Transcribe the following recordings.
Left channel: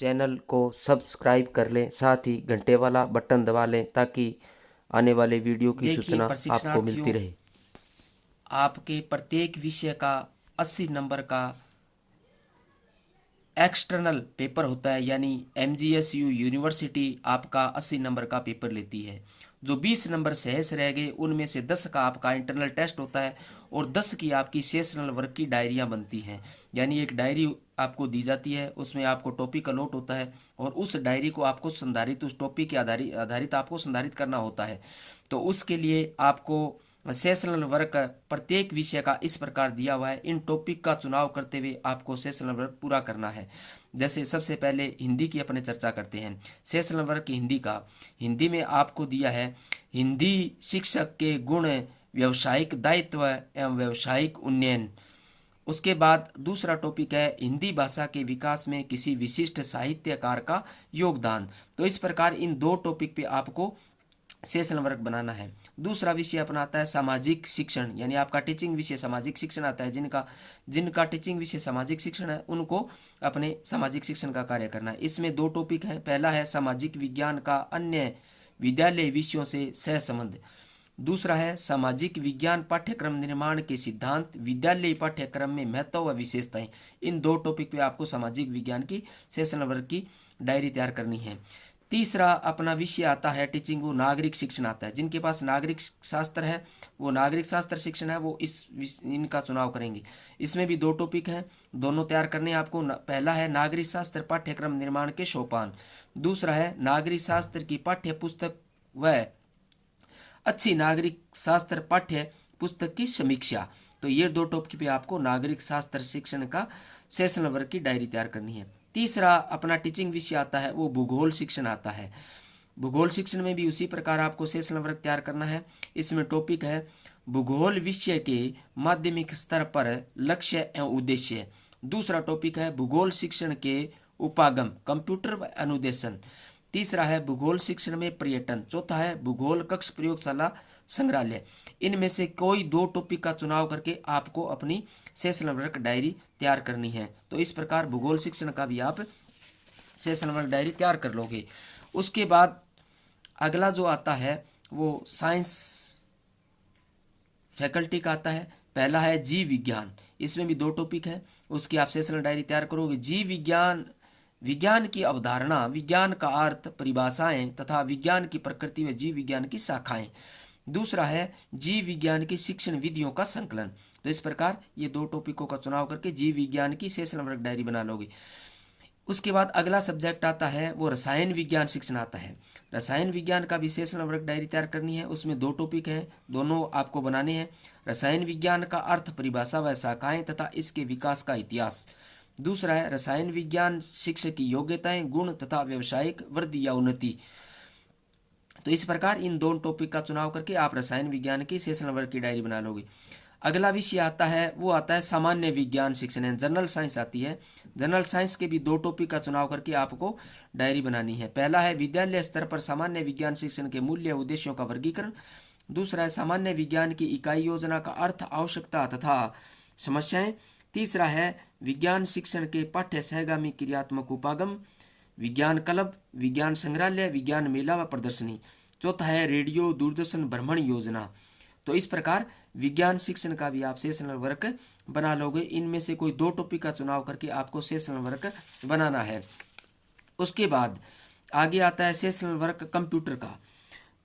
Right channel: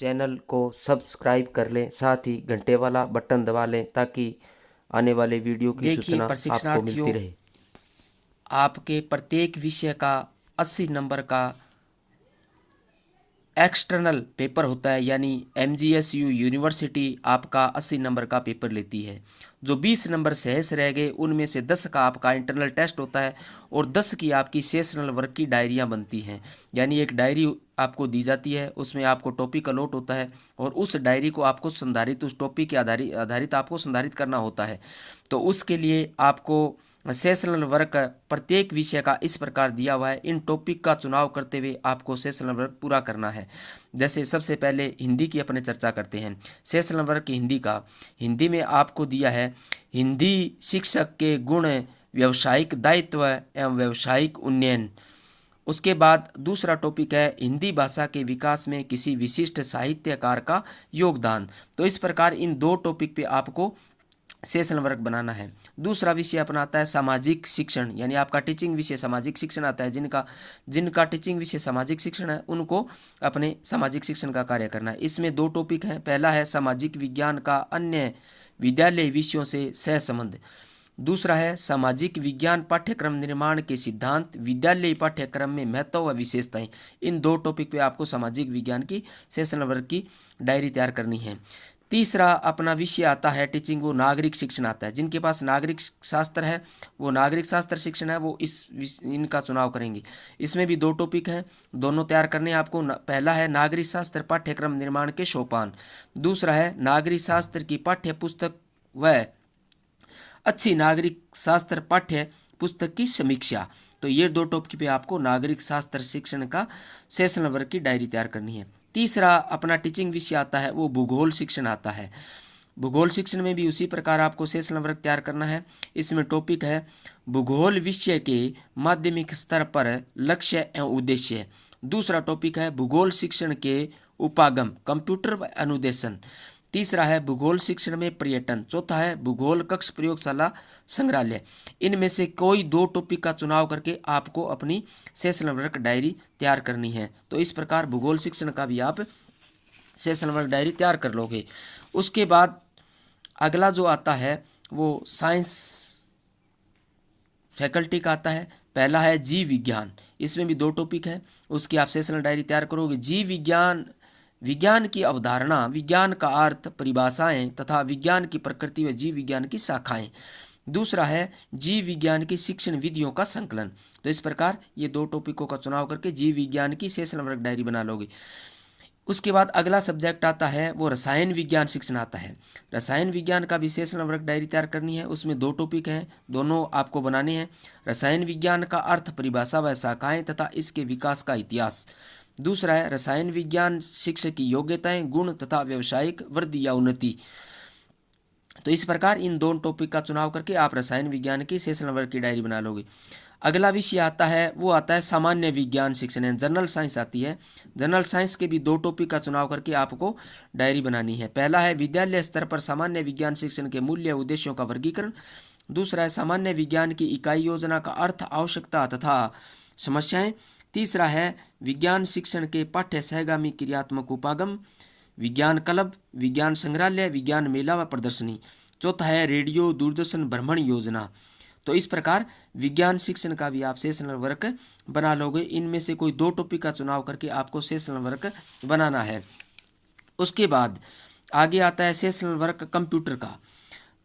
Channel को subscribe कर लें, साथ ही घंटे वाला बटन दबा लें ताकि आने वाले वीडियो की देखिए सूचना आपको मिलती प्रशिक्षणार्थियों, रहे। आपके प्रत्येक विषय का 80 नंबर का एक्सटर्नल पेपर होता है, यानी एमजीएसयू यूनिवर्सिटी आपका 80 नंबर का पेपर लेती है। जो 20 नंबर सहज रह गए उनमें से 10 का आपका इंटरनल टेस्ट होता है और 10 की आपकी सेशनल वर्क की डायरियां बनती हैं। यानी एक डायरी आपको दी जाती है, उसमें आपको टॉपिक का नोट होता है और उस डायरी को आपको संधारित, उस टॉपिक के आधारित आपको संधारित करना होता है। तो उसके लिए आपको सेशनल वर्क प्रत्येक विषय का इस प्रकार दिया हुआ है। इन टॉपिक का चुनाव करते हुए आपको सेशनल वर्क पूरा करना है। जैसे सबसे पहले हिंदी की अपने चर्चा करते हैं। सेशनल वर्क हिंदी का, हिंदी में आपको दिया है हिंदी शिक्षक के गुण, व्यावसायिक दायित्व एवं व्यावसायिक उन्नयन। उसके बाद दूसरा टॉपिक है हिंदी भाषा के विकास में किसी विशिष्ट साहित्यकार का योगदान। तो इस प्रकार इन दो टॉपिक पे आपको सेशन वर्क बनाना है। दूसरा विषय अपना आता है सामाजिक शिक्षण, यानी आपका टीचिंग विषय सामाजिक शिक्षण आता है। जिनका जिनका टीचिंग विषय सामाजिक शिक्षण है उनको अपने सामाजिक शिक्षण का कार्य करना है। इसमें दो टॉपिक हैं। पहला है सामाजिक विज्ञान का अन्य विद्यालय विषयों से सहसंबंध। दूसरा है सामाजिक विज्ञान पाठ्यक्रम निर्माण के सिद्धांत, विद्यालय पाठ्यक्रम में महत्व व विशेषताएं। इन दो टॉपिक पे आपको सामाजिक विज्ञान की सेशन वर्क की डायरी तैयार करनी है। तीसरा अपना विषय आता है टीचिंग, वो नागरिक शिक्षण आता है। जिनके पास नागरिक शास्त्र है, वो नागरिक शास्त्र शिक्षण है, वो इनका चुनाव करेंगे। इसमें भी दो टॉपिक हैं, दोनों तैयार करने हैं आपको। पहला है नागरिक शास्त्र पाठ्यक्रम निर्माण के सोपान। दूसरा है नागरिक शास्त्र की पाठ्य पुस्तक व अच्छी नागरिक शास्त्र पाठ्य पुस्तक की समीक्षा। तो ये दो टॉपिक पे आपको नागरिक शास्त्र शिक्षण का सेशन वर्क की डायरी तैयार करनी है। तीसरा अपना टीचिंग विषय आता है, वो भूगोल शिक्षण आता है। भूगोल शिक्षण में भी उसी प्रकार आपको सेशन वर्क तैयार करना है। इसमें टॉपिक है भूगोल विषय के माध्यमिक स्तर पर लक्ष्य एवं उद्देश्य। दूसरा टॉपिक है भूगोल शिक्षण के उपागम, कंप्यूटर व अनुदेशन। तीसरा है भूगोल शिक्षण में पर्यटन। चौथा है भूगोल कक्ष प्रयोगशाला संग्रहालय। इनमें से कोई दो टॉपिक का चुनाव करके आपको अपनी सेशन वर्क डायरी तैयार करनी है। तो इस प्रकार भूगोल शिक्षण का भी आप सेशन वर्क डायरी तैयार कर लोगे। उसके बाद अगला जो आता है वो साइंस फैकल्टी का आता है। पहला है जीव विज्ञान, इसमें भी दो टॉपिक है, उसकी आप सेशनल डायरी तैयार करोगे। जीव विज्ञान, विज्ञान की अवधारणा, विज्ञान का अर्थ, परिभाषाएं तथा विज्ञान की प्रकृति व जीव विज्ञान की शाखाएं। दूसरा है जीव विज्ञान की शिक्षण विधियों का संकलन। तो इस प्रकार ये दो टॉपिकों का चुनाव करके जीव विज्ञान की सेशनल वर्क डायरी बना लोगे। उसके बाद अगला सब्जेक्ट आता है वो रसायन विज्ञान शिक्षण आता है। रसायन विज्ञान का भी सेशनल वर्क डायरी तैयार करनी है। उसमें दो टॉपिक हैं, दोनों आपको बनाने हैं। रसायन विज्ञान का अर्थ, परिभाषा व शाखाएं तथा इसके विकास का इतिहास। दूसरा है रसायन विज्ञान शिक्षक की योग्यताएं, गुण तथा व्यावसायिक वृद्धि या उन्नति। तो इस प्रकार इन दोनों टॉपिक का चुनाव करके आप रसायन विज्ञान की सेशनल वर्क की डायरी बना लोगे। अगला विषय आता है वो आता है सामान्य विज्ञान शिक्षण है, जनरल साइंस आती है। जनरल साइंस के भी दो टॉपिक का चुनाव करके आपको डायरी बनानी है। पहला है विद्यालय स्तर पर सामान्य विज्ञान शिक्षण के मूल्य उद्देश्यों का वर्गीकरण। दूसरा है सामान्य विज्ञान की इकाई योजना का अर्थ, आवश्यकता तथा समस्याएं। तीसरा है विज्ञान शिक्षण के पाठ्य सहगामी क्रियात्मक उपागम, विज्ञान क्लब, विज्ञान संग्रहालय, विज्ञान मेला व प्रदर्शनी। चौथा है रेडियो दूरदर्शन भ्रमण योजना। तो इस प्रकार विज्ञान शिक्षण का भी आप सेशनल वर्क बना लोगे। इनमें से कोई दो टॉपिक का चुनाव करके आपको सेशनल वर्क बनाना है। उसके बाद आगे आता है सेशनल वर्क कंप्यूटर का।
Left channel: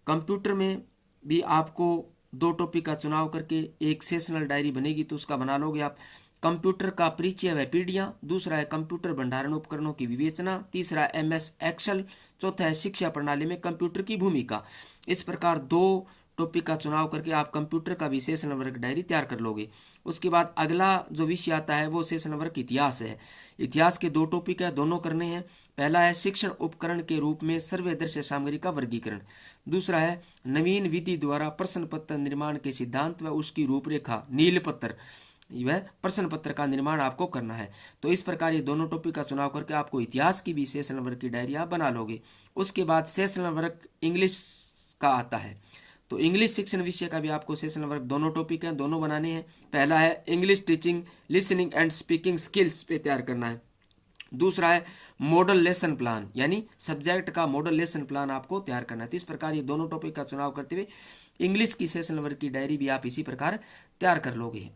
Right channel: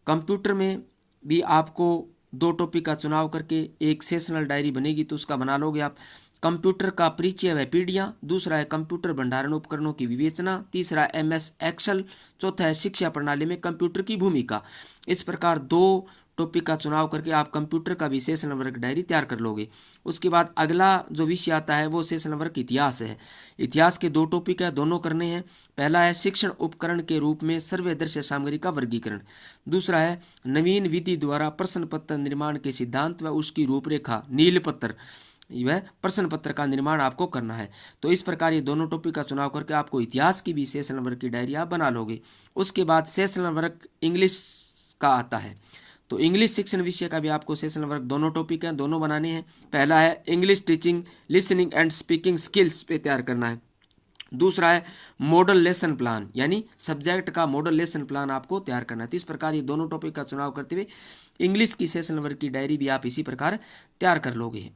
कंप्यूटर में भी आपको दो टॉपिक का चुनाव करके एक सेशनल डायरी बनेगी, तो उसका बना लोगे आप। कंप्यूटर का परिचय व पीढ़ियाँ। दूसरा है कंप्यूटर भंडारण उपकरणों की विवेचना। तीसरा MS एक्सेल। चौथा है शिक्षा प्रणाली में कंप्यूटर की भूमिका। इस प्रकार दो टॉपिक का चुनाव करके आप कंप्यूटर का भी सेशन वर्क डायरी तैयार कर लोगे। उसके बाद अगला जो विषय आता है वो सेशन वर्क इतिहास है। इतिहास के दो टॉपिक है, दोनों करने हैं। पहला है शिक्षण उपकरण के रूप में सर्वदर्शी सामग्री का वर्गीकरण। दूसरा है नवीन विधि द्वारा प्रश्न पत्र निर्माण के सिद्धांत व उसकी रूपरेखा, नील पत्र, वह प्रश्न पत्र का निर्माण आपको करना है। तो इस प्रकार ये दोनों टॉपिक का चुनाव करके आपको इतिहास की भी सेशनल वर्क की डायरी आप बना लोगे। उसके बाद सेशनल वर्क इंग्लिश का आता है। तो इंग्लिश शिक्षण विषय का भी आपको सेशनल वर्क, दोनों टॉपिक हैं, दोनों बनाने हैं। पहला है English teaching, listening and speaking skills पे तैयार करना है। दूसरा है मॉडल लेसन प्लान, यानी सब्जेक्ट का मॉडल लेसन प्लान आपको तैयार करना है। तो इस प्रकार ये दोनों टॉपिक का चुनाव करते हुए इंग्लिश की सेशन वर्क की डायरी भी आप इसी प्रकार तैयार कर लोगे।